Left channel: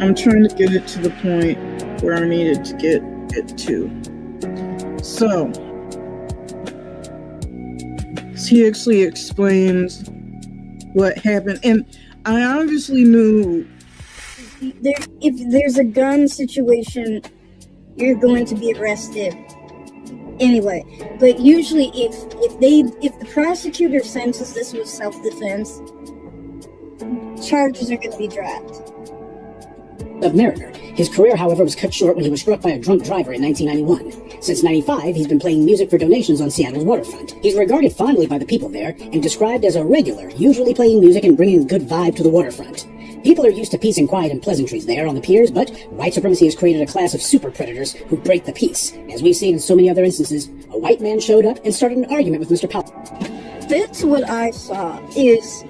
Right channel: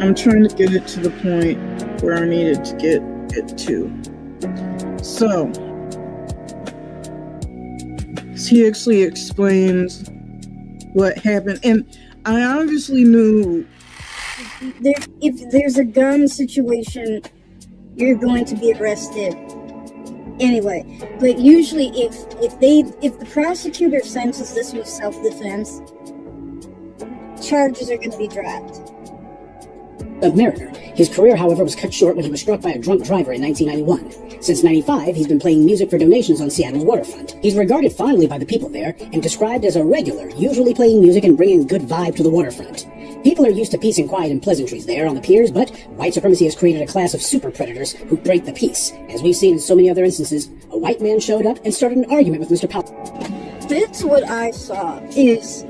I'm trying to get it to the point where I needed to get it to. So, he actually explains what happened, and I obviously knew if there's a gun situation, you're going to be arrested anyway. But usually, if the prosecutor senses this was self-defense, charges are going to be dropped. Of Mariner. His career, however, was cut short when he was struck by a drunk driver in 1991. Since 95, he's been playing music for donations on Seattle's waterfront. He's regarded fondly by the people there and described as a regular, usually playing music and bringing a good vibe to the waterfront. People are used to peace and quiet and pleasantries there on the piers, but white supremacy has created a class of super predators who break the peace. As we've seen in so many other instances, a white man showed up and started an argument with Mr. Powell. That's what I saw is,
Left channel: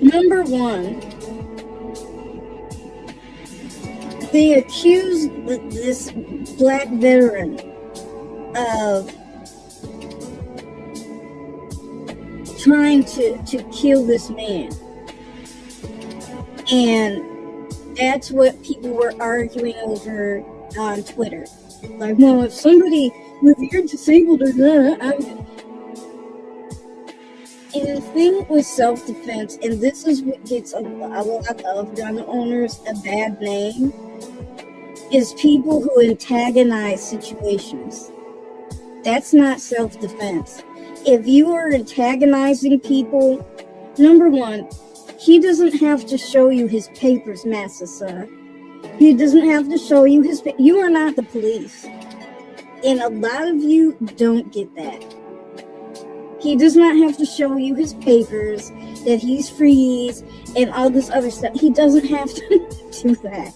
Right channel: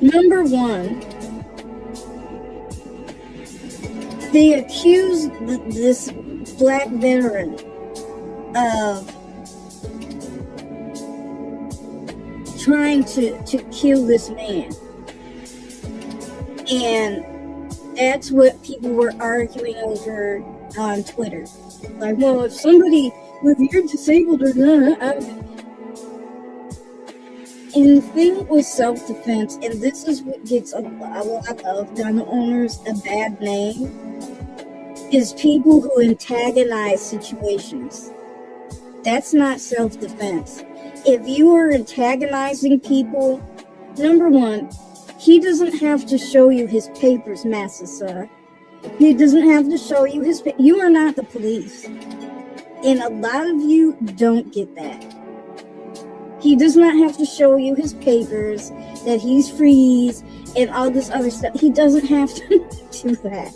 number one, they accused this black veteran of trying to kill this man. And that's what people were arguing over on Twitter. Like, well, if you're disabled or not, and the thing with self-defense, and this is what gets a lot of gun owners a bad name, is people who antagonize situations. That's not self-defense. If you are antagonizing people, number one, he doesn't have to show you his papers, Massa Sir. He doesn't have to show you his papers. You are not the police. And a lot of you don't get that. He does not have to show you his papers, that he's free, and all this other stuff. He doesn't have to do that.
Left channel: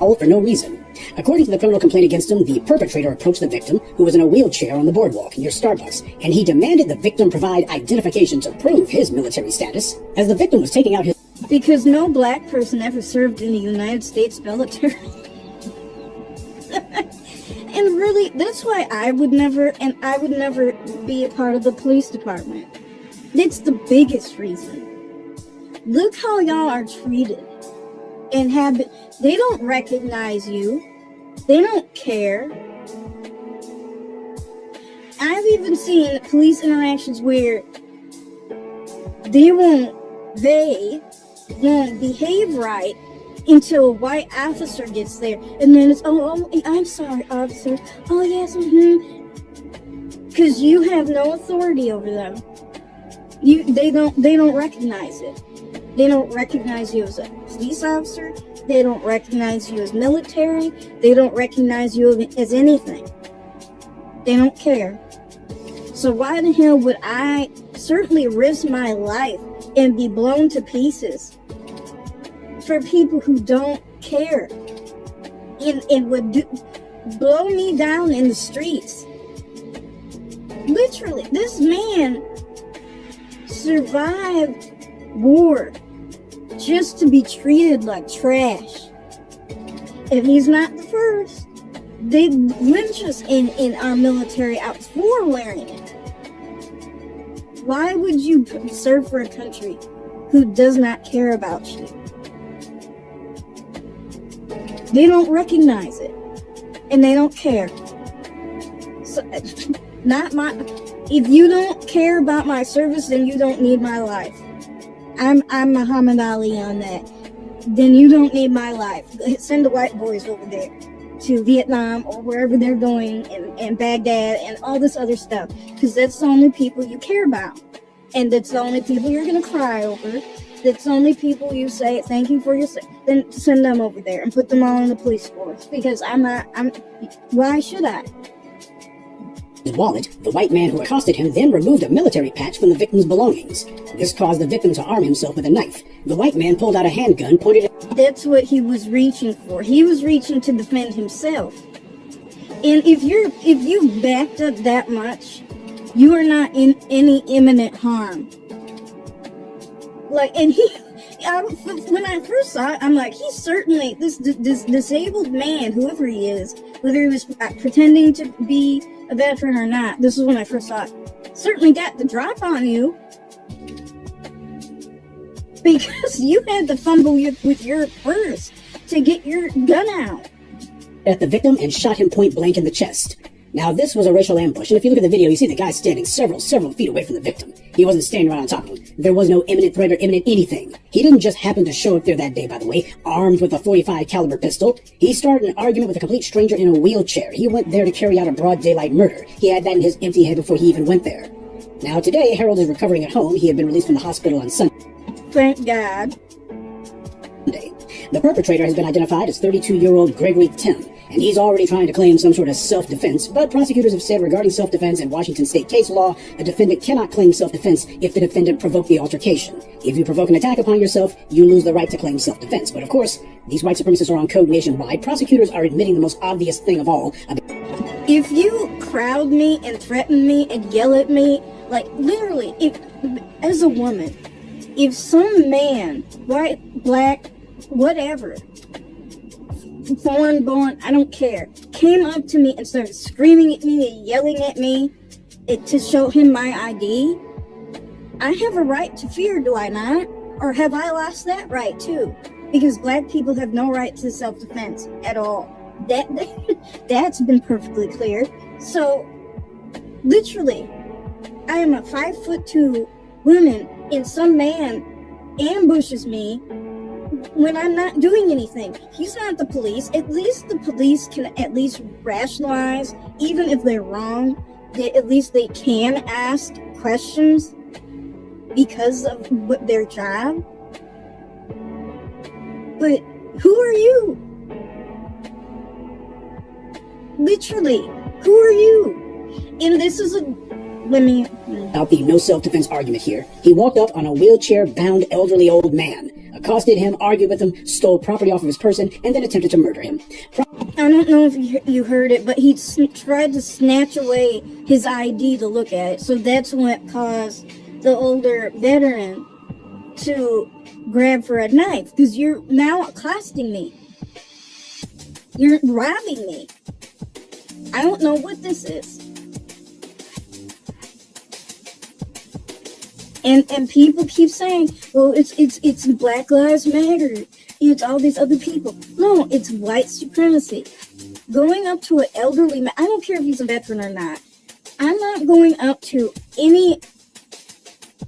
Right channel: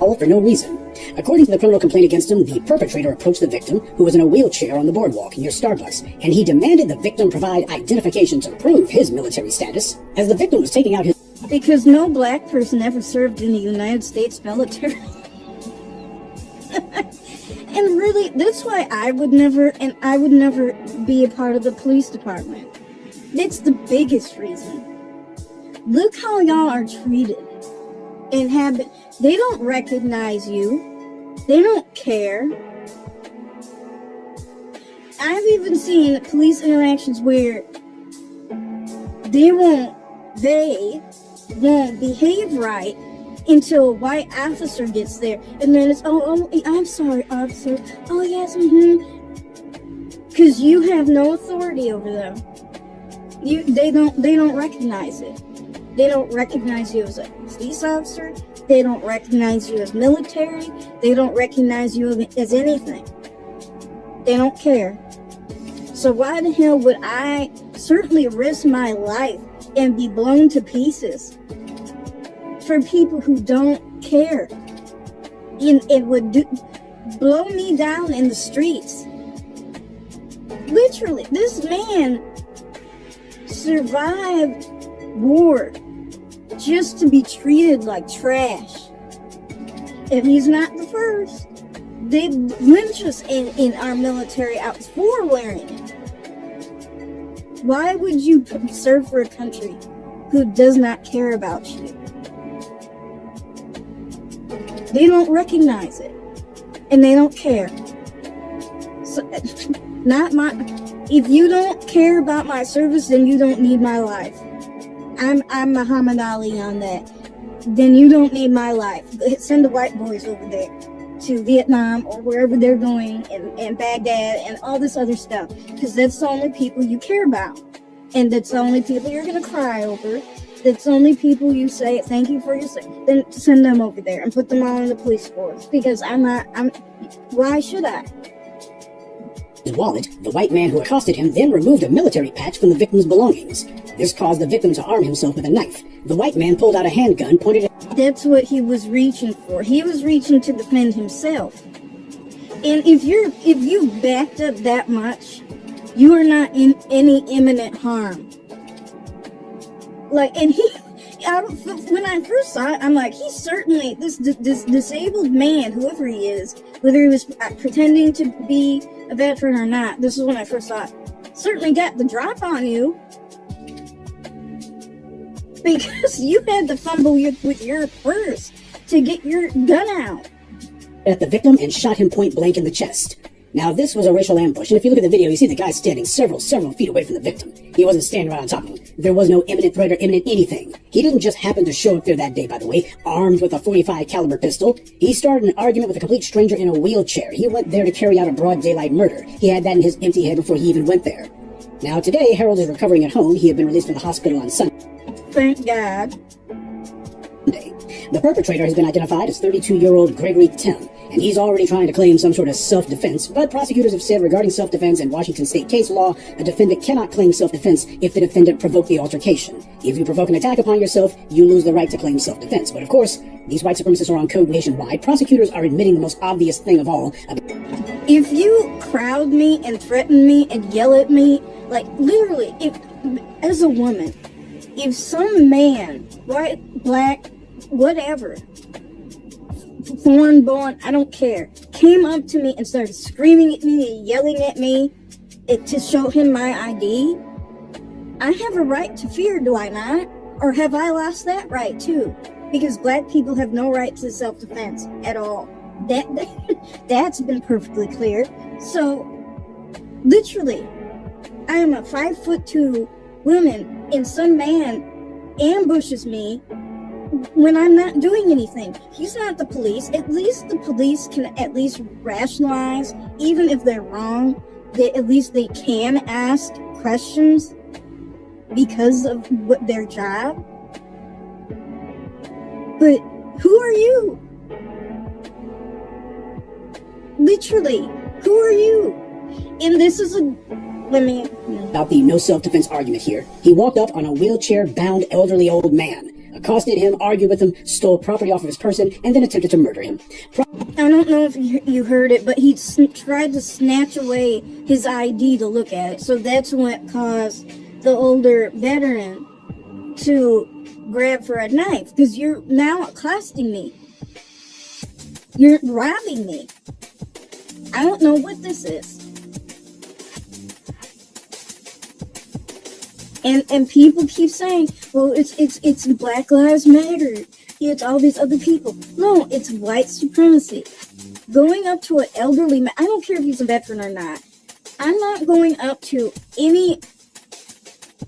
All for no reason. According to the criminal complaint against him, the perpetrator approached the victim, who was in a wheelchair on the boardwalk near Starbucks, and he demanded the victim provide identification to prove his military status. As the victim was taking out his... Because no black person ever served in the United States military. And really, that's why I would never be a part of the police department. That's the biggest reason. Look how y'all are treated. And they don't recognize you. They don't care. I've even seen police interactions where they won't behave right until a white officer gets there, and then it's I'm sorry, officer. Oh yes, because you have no authority over them. They don't recognize it. They don't recognize you as a police officer. They don't recognize you as military. They don't recognize you as anything. They don't care. So why the hell would I certainly risk my life and be blown to pieces for people who don't care and would blow me down in the streets? Literally, this man survived war just to be treated like trash. And he's not the first. They lynch us in our military outfits for wearing it. Why would you serve for a country who does not care about you? They don't recognize it, and they don't care. So, if you don't care about my service, then you don't need my life. I'm Muhammad Ali on that. Then you don't need my life. Send the white boys over there to Vietnam or wherever they're going, and Baghdad and all this other stuff, because that's the only people you care about, and that's the only people you're gonna cry over. That's the only people you say thank you for your service. Then send them over there and put them all in the police force, because why should I? His wallet, the white man who accosted him then removed a military patch from the victim's belongings. This caused the victim to arm himself with a knife. The white man pulled out a handgun, pointed it... That's what he was reaching for. He was reaching to defend himself. And if you've backed up that much, you are not in any imminent harm. Like, and when I first saw it, I'm like, he's certainly, this disabled man, whoever he is, whether he was pretending to be a veteran or not, this is when I first saw it, certainly got the drop on you. Because you had to fumble with your purse to get your gun out. At the victim and shot him point blank in the chest. Now, this was a racial ambush, and if you look at the video, you see the guy standing several feet away from the victim. He wasn't standing right on top of him. There was no imminent threat or imminent anything. He didn't just happen to show up there that day, by the way, armed with a .45 caliber pistol. He started an argument with a complete stranger in a wheelchair. He went there to carry out a broad daylight murder. He had that in his empty head before he even went there. Now, today, Harold is recovering at home. He had been released from the hospital on Sunday. Thank God. The perpetrator has been identified as 32-year-old Gregory Tim, and he's already trying to claim some sort of self-defense, but prosecutors have said regarding self-defense in Washington state case law, a defendant cannot claim self-defense if the defendant provoked the altercation. If you provoke an attack upon yourself, you lose the right to claim self-defense. But of course, these white supremacists are on code nationwide. Prosecutors are admitting the most obvious thing of all. If you crowd me and threaten me and yell at me, like literally, if as a woman, if some man, white, black, whatever, foreign born, I don't care, came up to me and started screaming at me and yelling at me to show him my ID, I have a right to fear, do I not? Or have I lost that right too? Because black people have no right to self-defense at all. That's been perfectly clear. So, literally, I am a 5'2" woman and some man ambushes me when I'm not doing anything. He's not the police. At least the police can at least rationalize, even if they're wrong. At least they can ask questions because of what their job. But who are you? Literally, who are you? And this is about the no self-defense argument here. He walked up on a wheelchair-bound elderly old man, accosted him, argued with him, stole property off of his person, and then attempted to murder him. I don't know if you heard it, but he tried to snatch away his ID to look at it. So that's what caused the older veteran to grab for a knife, because you're now accosting me. You're robbing me. I don't know what this is. And people keep saying, well, it's Black Lives Matter. It's all these other people. No, it's white supremacy. Going up to an elderly man, I don't care if he's a veteran or not. I'm not going up to any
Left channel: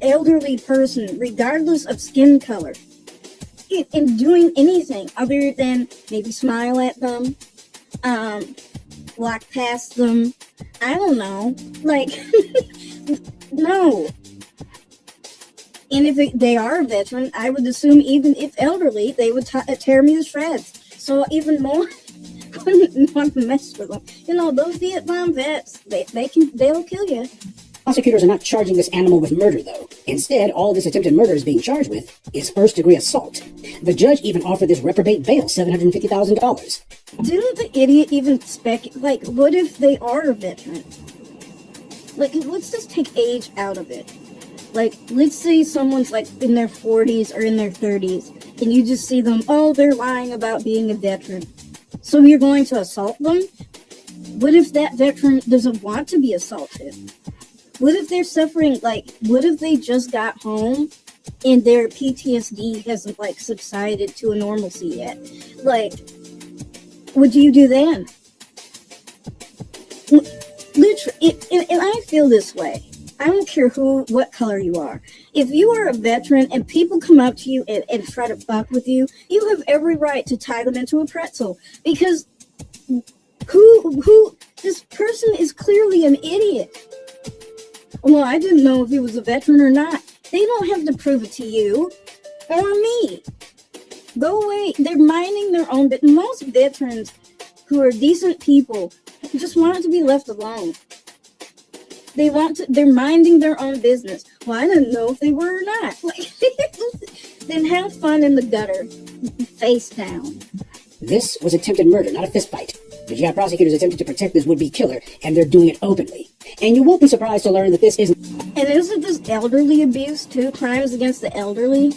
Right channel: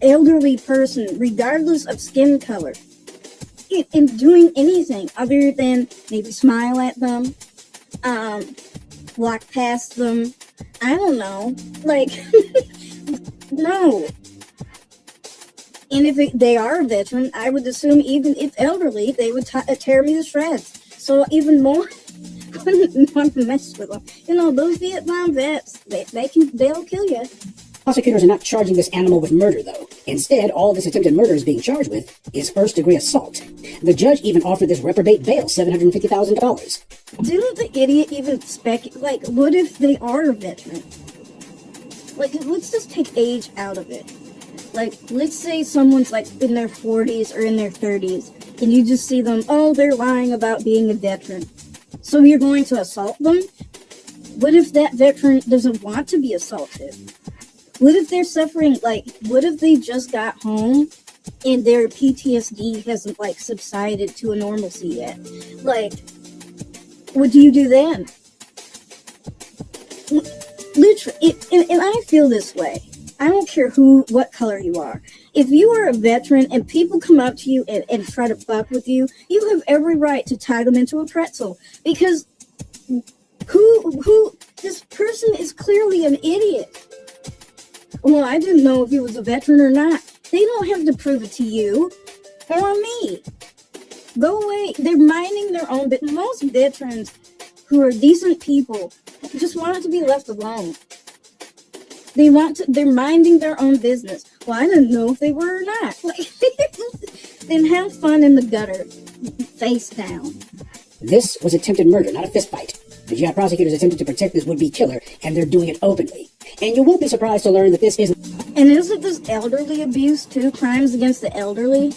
elderly person, regardless of skin color, and doing anything other than maybe smile at them, walk past them. I don't know. Like, no. And if they are a veteran, I would assume even if elderly, they would tear me to shreds. So even more, I wouldn't want to mess with them. You know, those Vietnam vets, they'll kill you. Prosecutors are not charging this animal with murder, though. Instead, all this attempted murder is being charged with is first-degree assault. The judge even offered this reprobate bail, $750,000. Didn't the idiot even like, what if they are a veteran? Like, let's just take age out of it. Like, let's say someone's like in their 40s or in their 30s, and you just see them, oh, they're lying about being a veteran. So you're going to assault them? What if that veteran doesn't want to be assaulted? What if they're suffering, like, what if they just got home and their PTSD hasn't, like, subsided to a normalcy yet? Like, what do you do then? Literally, and I feel this way. I don't care what color you are. If you are a veteran and people come up to you and try to fuck with you, you have every right to tie them into a pretzel. Because this person is clearly an idiot. Well, I didn't know if he was a veteran or not. They don't have to prove it to you or me. Go away. They're minding their own business. Most veterans who are decent people just wanted to be left alone. They're minding their own business. Well, I didn't know if they were or not. Then have fun in the gutter, face down. This was attempted murder, not a fistfight. Virginia prosecutors attempted to protect this would-be killer, and they're doing it openly. And you won't be surprised to learn that this isn't... And isn't this elderly abuse, too? Crimes against the elderly?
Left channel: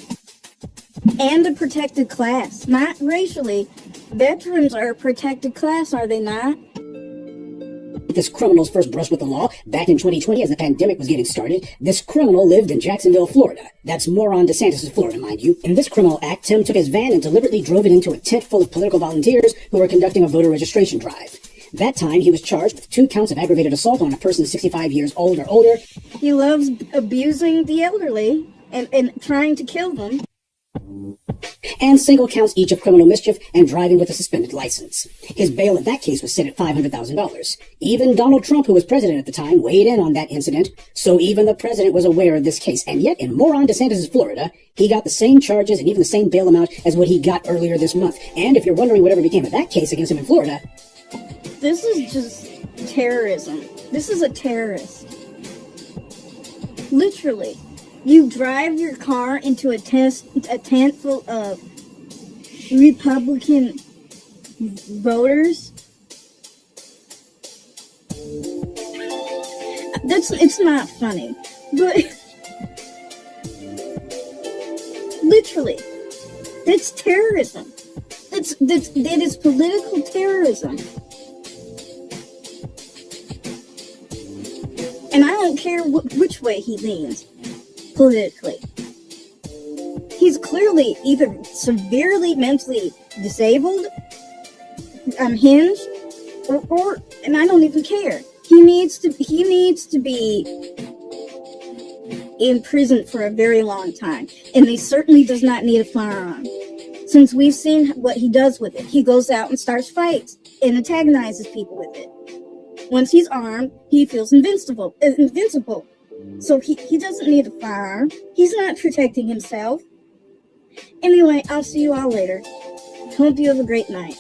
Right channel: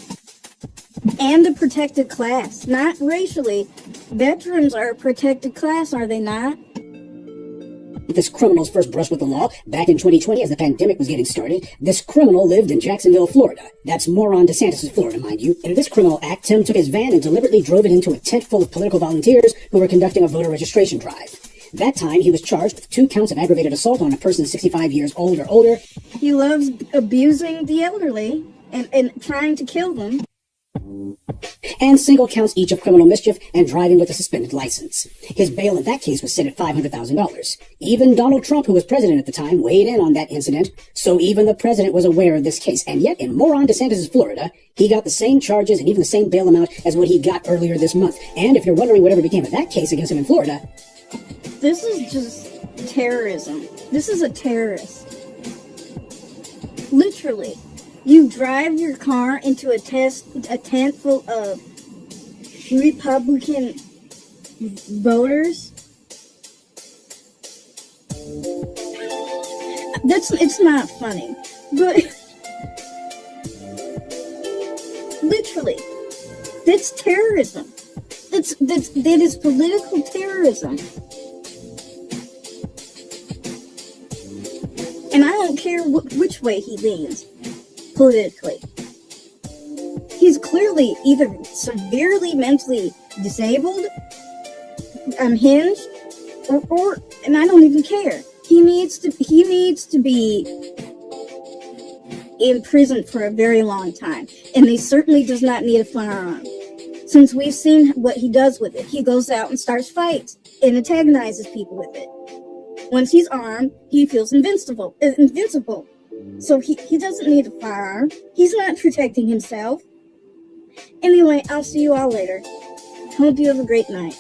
And a protected class. Not racially. Veterans are a protected class, are they not? This criminal's first brush with the law back in 2020 as the pandemic was getting started. This criminal lived in Jacksonville, Florida. That's Moron DeSantis' Florida, mind you. In this criminal act, Tim took his van and deliberately drove it into a tent full of political volunteers who were conducting a voter registration drive. That time, he was charged with 2 counts of aggravated assault on a person 65 years old or older. He loves abusing the elderly and trying to kill them. And single counts each of criminal mischief and driving with a suspended license. His bail in that case was set at $500,000. Even Donald Trump, who was president at the time, weighed in on that incident, so even the president was aware of this case. And yet, in Moron DeSantis' Florida, he got the same charges and even the same bail amount as what he got earlier this month. And if you're wondering whatever became of that case against him in Florida, This is just terrorism. This is a terrorist. Literally. You drive your car into a tent full of Republican voters. It's not funny, but literally, that's terrorism. That is political terrorism. And I don't care which way he leans politically. He's clearly either severely mentally disabled, unhinged, or and I don't even care. He needs to be in prison for a very long time, and he certainly does not need a firearm. Since we've seen what he does with it, he goes out and starts fights and antagonizes people with it. Once he's armed, he feels invincible. So he doesn't need a firearm. He's not protecting himself. Anyway, I'll see you all later. Hope you have a great night.